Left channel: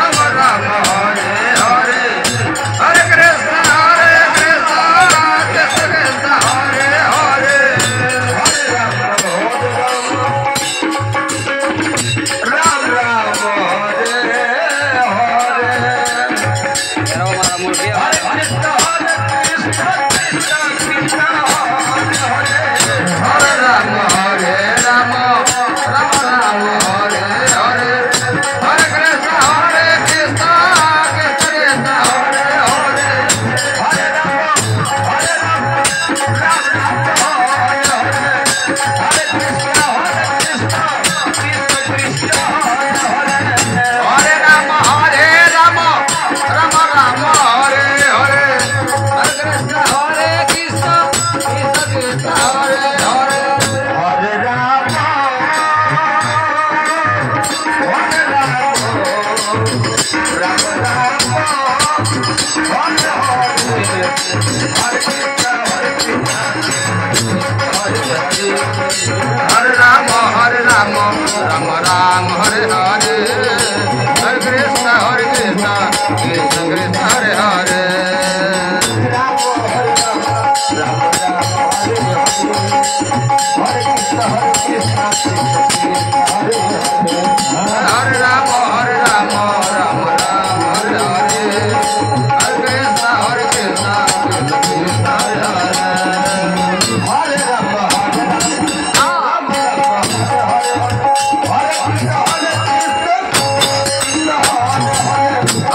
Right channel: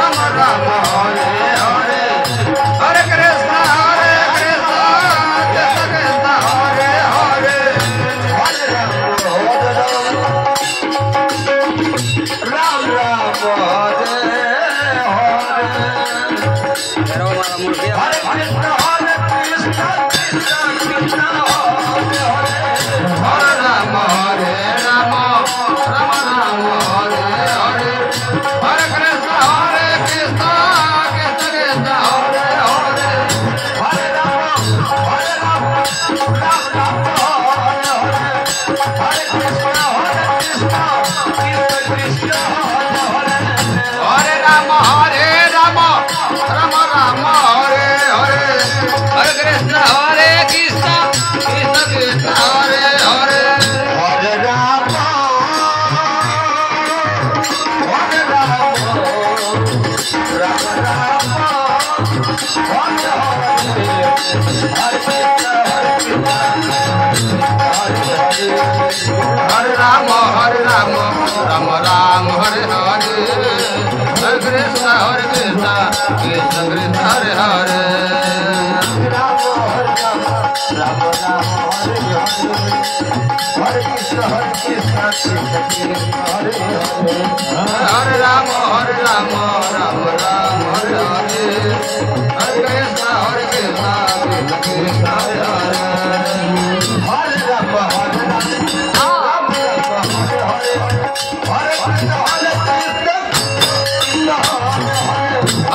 राम राम हरे हरे हरे कृष्ण कृष्ण कृष्ण हरे हरे हरे राम राम राम हरे हरे हरे कृष्ण कृष्ण कृष्ण हरे हरे हरे राम राम राम हरे हरे हरे कृष्ण कृष्ण कृष्ण हरे हरे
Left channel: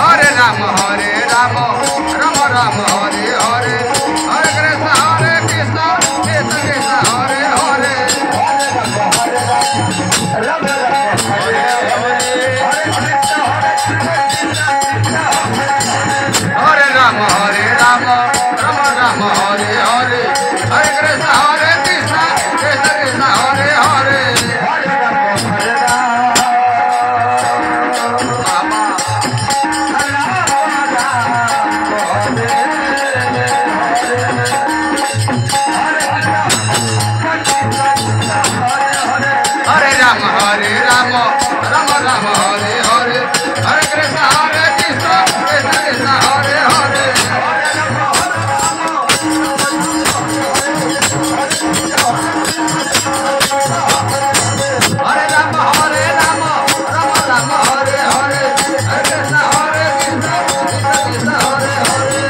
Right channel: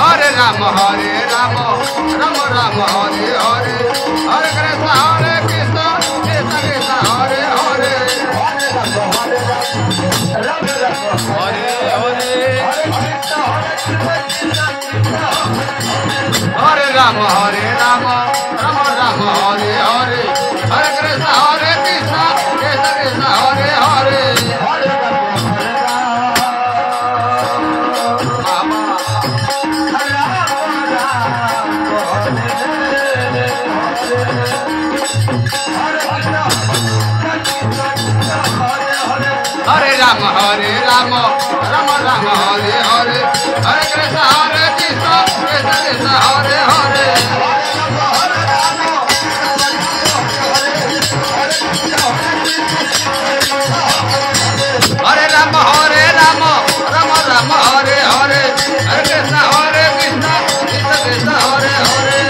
हरे राम राम राम हरे हरे हरे कृष्ण कृष्ण कृष्ण हरे हरे हरे राम राम राम हरे हरे हरे कृष्ण कृष्ण कृष्ण हरे हरे हरे राम राम हरे हरे हरे कृष्ण कृष्ण कृष्ण हरे हरे हरे राम राम हरे हरे हरे कृष्ण कृष्ण हरे हरे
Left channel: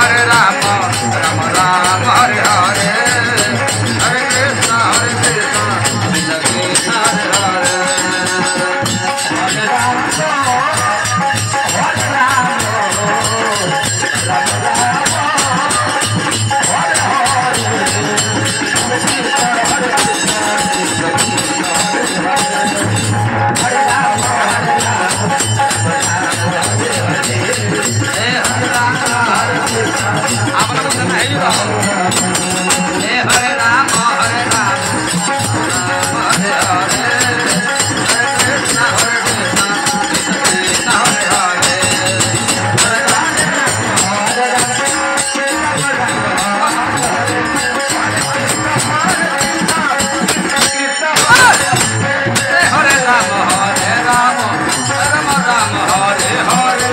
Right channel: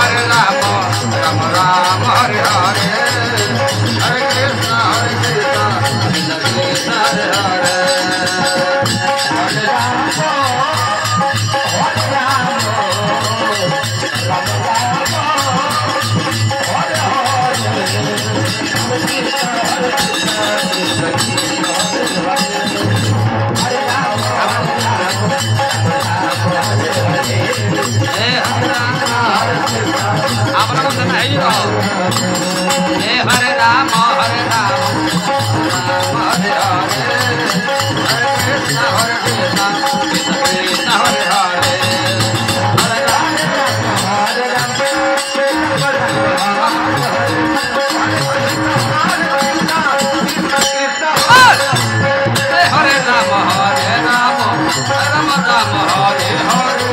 हरे राम राम राम हरे हरे हरे कृष्ण कृष्ण कृष्ण हरे हरे आपला बोलता नाही हरे Ram Ram Hare Hare Hare Krishna Krishna Krishna Hare Hare Hare Ram Ram Ram Hare Hare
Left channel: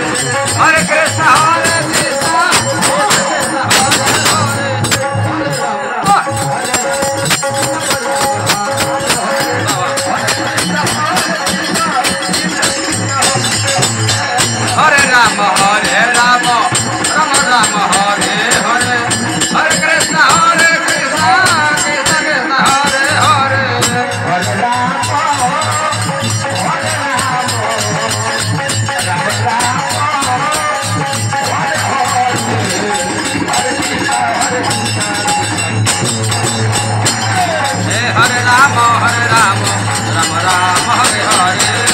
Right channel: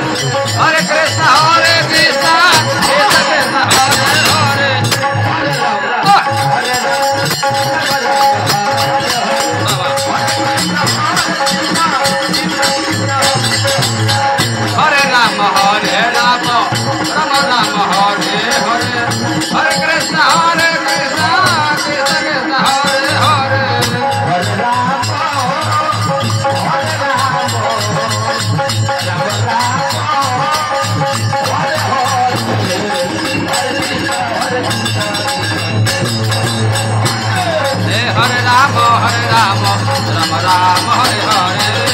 Hare Krishna Hare Krishna Krishna Krishna Hare Hare Hare Ram Hare Ram Ram Ram Hare Hare Hare Krishna Hare Krishna Krishna Krishna Hare Hare Hare Rama Rama Rama Hare Hare